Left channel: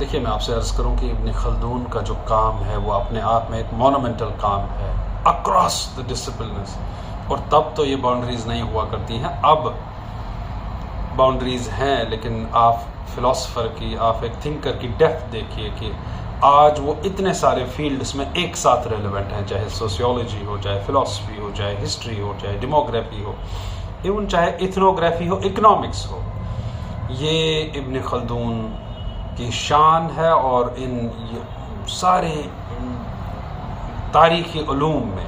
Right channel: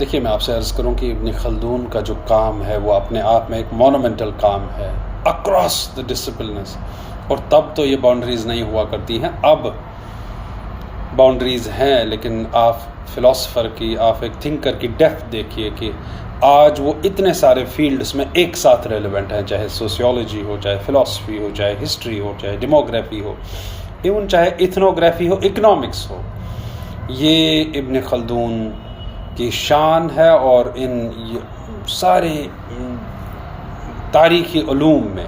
دیکھیے میں آپ سے عرض کروں کہ ابن خلدون کا جو کام ہے وہ اپنے آپ میں ایک مونومنٹل کام ہے اکراس دا ڈسپلنز، اور تب تو یہ باؤنڈریز نہیں ہوا کرتی ہیں، اب باؤنڈریز ہیں، لیکن آپ فلاسفر کی، آپ ایک تھنکر کی ڈیپتھ دیکھیے کہ آج وہ اتنے سارے فیلڈز میں ایک ساتھ ریلیونٹ ہیں، چاہے سوسیولوجی ہو، چاہے فلاسفی ہو، چاہے ہسٹری ہو، چاہے ڈیموگرافی ہو، ایون چاہے ایتھنوگرافی ہو، اکنامکس ہو۔ یہ ابن خلدون کی شان ہے، اور ان سارے تاریخی علوم میں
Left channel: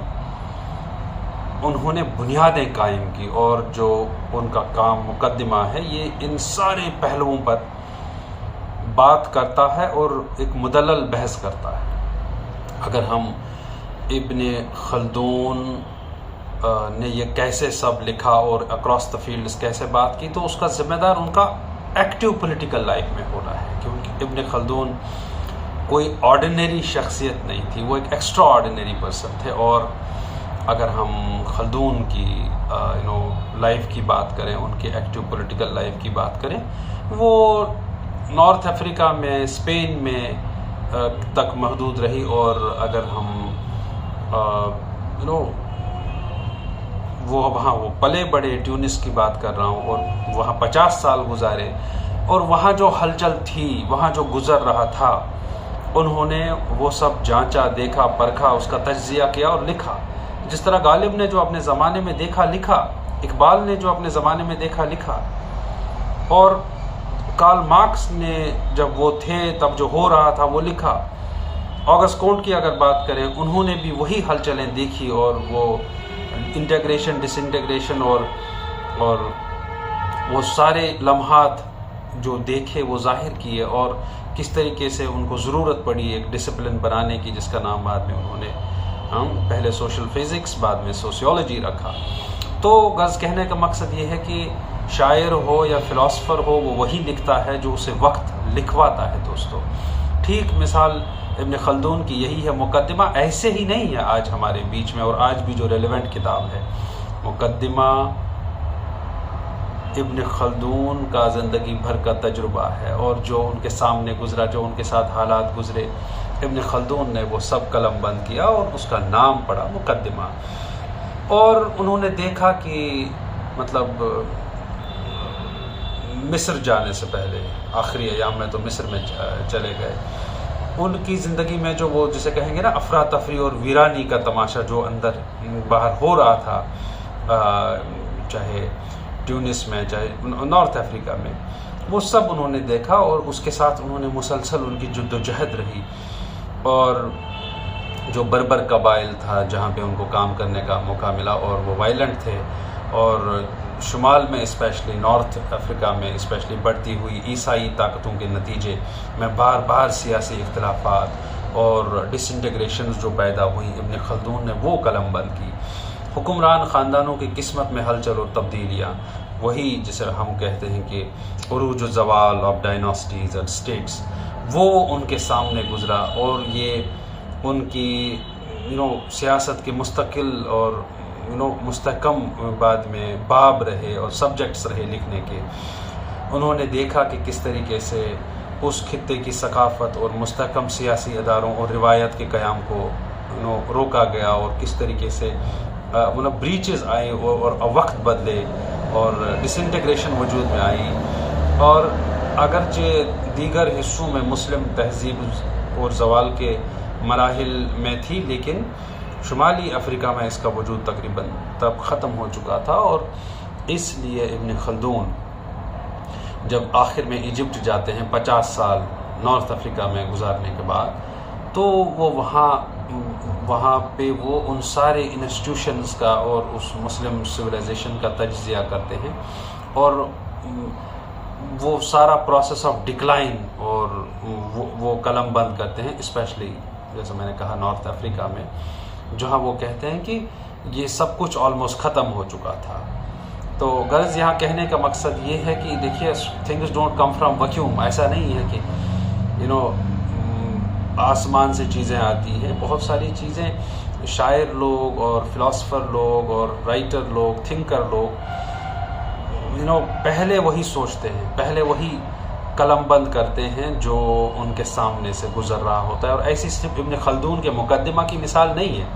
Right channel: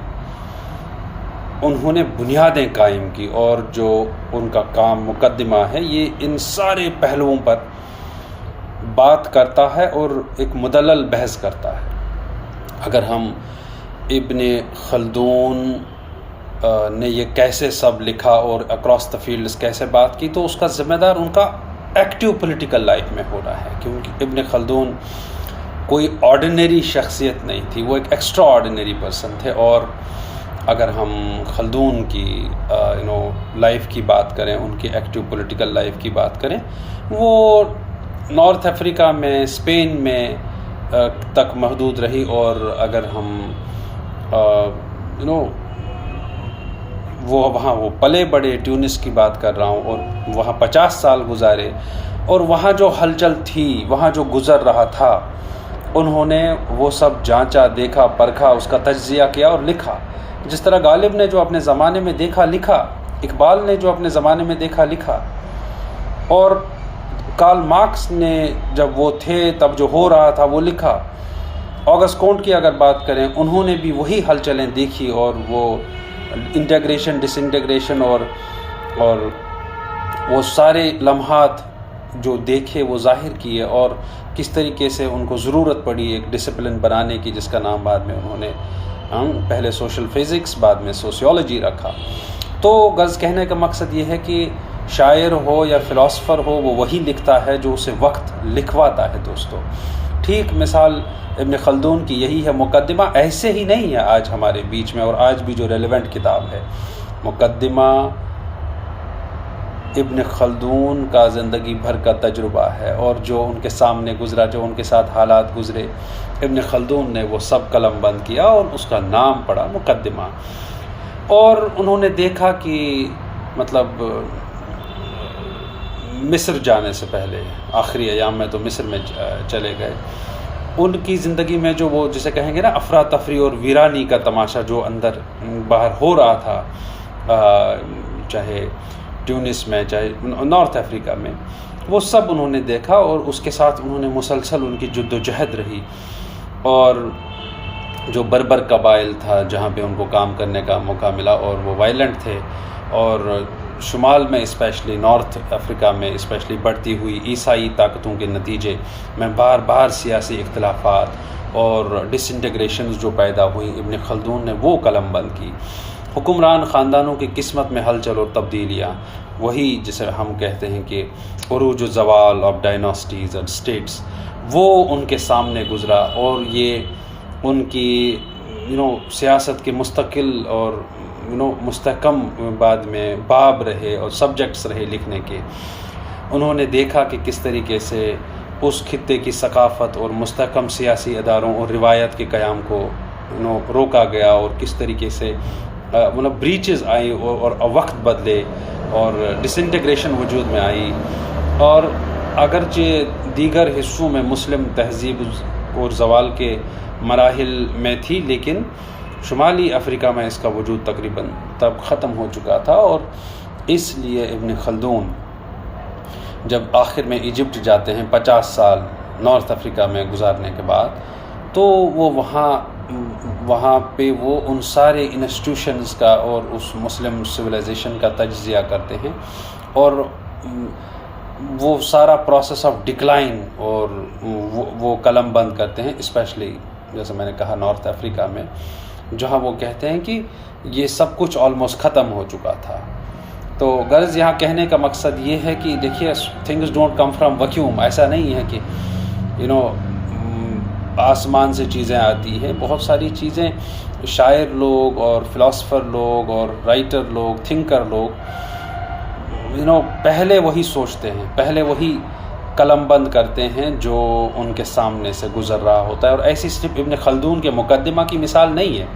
انہوں نے بنیادیں قائم کی، اور جو ان کا کام مقدمہ ہے یہ ان سارے پہلوؤں پر بات کرتا ہے اور ایک مدلل بحث کرتا ہے۔ اگر ہم ابن خلدون نے یہ کیسے سب لکھا اور اکراس دا فیلڈز کیسے بات کی، تو اس کا ذمہ دار ان کا ایکٹیو پولیٹیکل لائف میں ہو رہا ہے، کیونکہ ابن خلدون کوئی آرڈینری شخصیت نہیں تھی، وہ ایک ایکسٹرا آرڈینری پرسن تھے۔ اور اگر ہم خلدون کی لائف کی بات کریں، ان کی ایکٹیو پولیٹیکل لائف کی بات کریں، وہ نارتھ افریقہ میں، اسپین میں تک محدود رہی، اور اگر ہم وہ پلے بڑے، ٹیونس کی بات کر رہا ہوں، اور وہاں 50 سال گزارے، اور وہاں جو ہلچل تھی، وہاں جو گزر رہا تھا، انہوں نے وہ سب جانچا، دیکھا، پرکھا، اس کا تجزیہ کیا اور لکھا۔ جس طرح غالب نے جو اپنے زمانے میں دیکھا لکھا، اقبال نے جو اپنے زمانے میں دیکھا لکھا، اور کارل مارکس نے جب وہ تھے تب جو ہو رہا تھا وہ لکھا۔ آگسٹ کونٹ کی اگر بات کریں، انہوں نے بھی وہی ہلچلیں دیکھی، اور وہ انٹیگریشن، ڈس انٹیگریشن اور وہ سارے لمحات جو دیکھے وہ ظاہر کیے، اور کس طریقے سے ان کو ضرورت پڑی ایک ڈسپلن بنانے کی، جس کا نام بعد میں انہوں نے پہلے سوشل فزکس، بعد میں سوسیولوجی رکھا۔ تو غرض کہنے کا مقصد یہ ہے کہ شاعر ہو یا فلاسفر ہو، وہ وہی لکھتا ہے جو اسے وقت لکھواتا ہے دوستو۔ ٹھیک مثال ابن خلدون کی یہی ہے۔ مقدمہ ایسے ہی نہیں ہے آج ہمارے بیچ میں، اور آج بھی جو ریلیونٹ کتاب ہے مقدمہ ابن خلدون کا زندگی بھر کا تجربہ ہے، اور جو ان کے سامنے گزرا، جو ان کے ساتھ حالات گزرے، ابن خلدون نے وہ سب قلم بند کیا اور اس کا نام پڑا مقدمہ۔ اور انہوں نے دیکھا کہ مطلب مصر جانے سے پہلے، آخری ایام میں تو مصر میں چلے گئے، ان کی زندگی میں جو وہ جسے کہیں گے نا افراتفری اور ویرانی کا تماشا جو اندر باہر ہو رہا تھا، چاہے ٹیونس میں، چاہے نارتھ افریقہ میں، وہ سب انہوں نے دیکھا، اور اس کے ساتھ انہوں نے مسلسل ان کی جد و جہد رہی۔ اور جو بربر قبائل تھا جہاں پہ ان کو کام کرنے کا موقع ملا، اور وہ وائلنٹ تھے، اور شمال میں اسپیشلی نارتھ افریقہ میں اسپیشلی بڑھتی ہوئی عیسائی طاقتوں کے نتیجے میں بار بار سیاسی اختلافات اور ڈس انٹیگریشنز جو پیدا ہوئیں، ابن خلدون نے وہ قلم بند کی۔ حکمران خاندانوں کی قسمت میں ہلچل اور تبدیلیاں، وہی جسے ہم کہتے ہیں کہ عروج و زوال آف ڈائناسٹیز اینڈ اسٹیٹس، وہ ان کے سامنے گزرا، اور یہ ان کی سیاست کے مستقل اور مستحکم بعد میں باب رہے اور سبجیکٹس رہے لکھنے کے۔ انہوں نے دیکھا کہ کس طریقے سے اس خطے کی ثقافت اور مستحکم سیاسی اداروں اور روایت کے قیام کو روکا گیا، اور کس طریقے سے بریچز آئی اور وقت بدلے اور ڈس انٹیگریشن وجود میں آئی۔ اور اگرچہ دیگر حصوں میں مسلم تہذیب اور زوال کے مراحل میں تھی، لیکن شمالی افریقہ میں اس کا وجود تقریباً تب ختم ہو چکا تھا۔ اور اس لیے ابن خلدون جب آخر میں ایجپٹ جاتے ہیں 50 سال نارتھ افریقہ میں گزارنے کے بعد، تو وہ وہاں پہ وہ ان سارے انسٹیٹیوشنز کا اور اس مسلم سویلائزیشن کا تجزیہ کرتے ہیں، اور وہ سارا پروسیس آف ڈکلائن اور وہ قلم بند کرتے ہیں، اسپیشلی جیسے میں نے کہا نارتھ افریقہ میں، جہاں وہ کہتے ہیں کہ یہ سب کچھ آلموسٹ ختم ہو چکا تھا۔ تو غرض یہاں کہنے کا مقصد یہ ہے کہ دیکھیے things don't come from vacuum, ایسا نہیں ہے کہ آسمان سے چیزیں آتی ہیں۔ بہت ساری چیزیں شاعر لوگ اور فلاسفر لوگ اور رائٹر لوگ، تھنکر لوگ پہلے وہی سوچتے ہیں، پہلے وہی قلم بند کرتے ہیں جو ان کے سامنے سے گزر رہا ہوتا ہے. اور ایسی صرف ابن خلدون کے مقدمہ کی مثال نہیں ہے،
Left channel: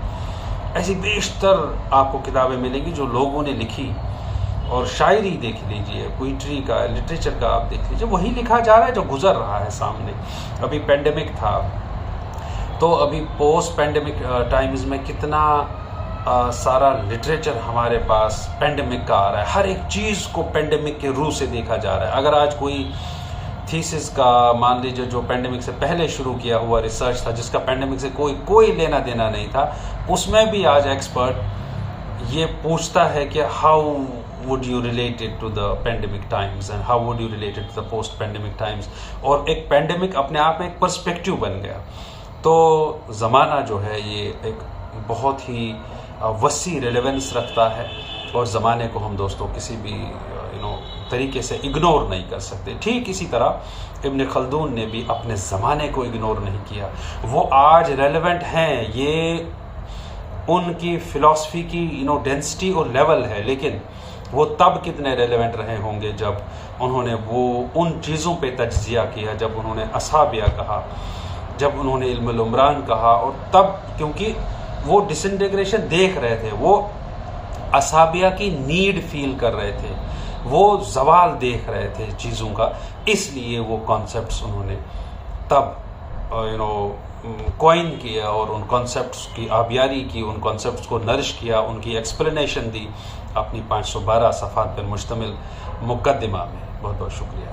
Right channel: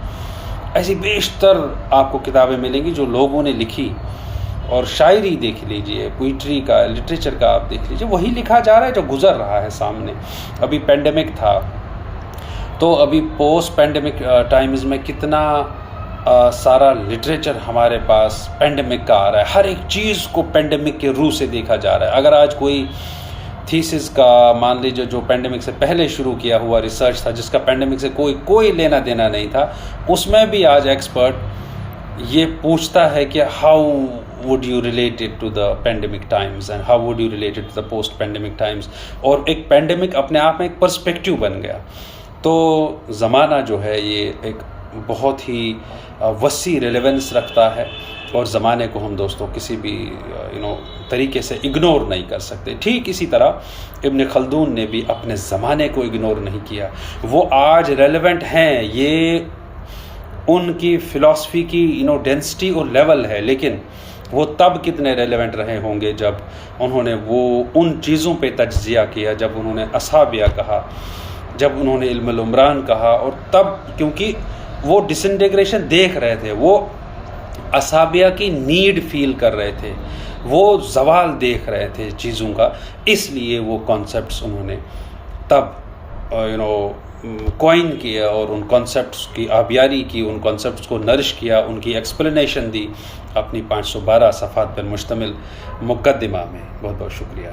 ایسی بیشتر آپ کو کتابیں ملیں گی جو لوگوں نے لکھی. اور شاعری دیکھ لیجئے، پوئٹری کا، لٹریچر کا آپ دیکھ لیجئے، وہی لکھا جا رہا ہے جو گزر رہا ہے سامنے. ابھی پینڈیمک تھا تو ابھی پوسٹ پینڈیمک ٹائمز میں کتنا سارا لٹریچر ہمارے پاس پینڈیمک کا آ رہا ہے. ہر ایک چیز کو پینڈیمک کے روح سے دیکھا جا رہا ہے. اگر آج کوئی تھیسس کا مان لیجیے جو پینڈیمک سے پہلے شروع کیا ہوا ریسرچ تھا، جس کا پینڈیمک سے کوئی لینا دینا نہیں تھا، اس میں بھی آج ایکسپرٹ یہ پوچھتا ہے کہ how would you relate it to the pandemic times and how would you relate it to the post pandemic times. اور ایک پینڈیمک اپنے آپ میں ایک پرسپیکٹیو بن گیا. تو زمانہ جو ہے یہ ایک بہت ہی وسیع ریلیونس رکھتا ہے، اور زمانے کو ہم دوستوں کسی بھی طریقے سے اگنور نہیں کر سکتے. ٹھیک اسی طرح ابن خلدون نے بھی اپنے زمانے کو اگنور نہیں کیا. وہ آج ریلیونٹ ہیں، یہ ان کی فلاسفی کی ڈینسٹی اور لیول ہے، لیکن وہ تب کتنے ریلیونٹ رہے ہوں گے جب انہوں نے وہ ان چیزوں پہ تجزیہ کیا، جب انہوں نے اصحابیہ کہا، جب انہوں نے علم العمران کہا. اور تب کیونکہ وہ ڈسنٹیگریشن دیکھ رہے تھے، وہ اصحابیہ کی نیڈ فیل کر رہے تھے، وہ زوال دیکھ رہے تھے چیزوں کا، اس لیے وہ کانسیپٹس انہوں نے تب کوائن کیا اور ان کانسیپٹس کی آبیاری کی، ان کانسیپٹس کو نرش کیا، ان کی ایکسپلینیشن دی اپنی 512 صفحات پر مشتمل مقدمہ میں. بہت بہت شکریہ.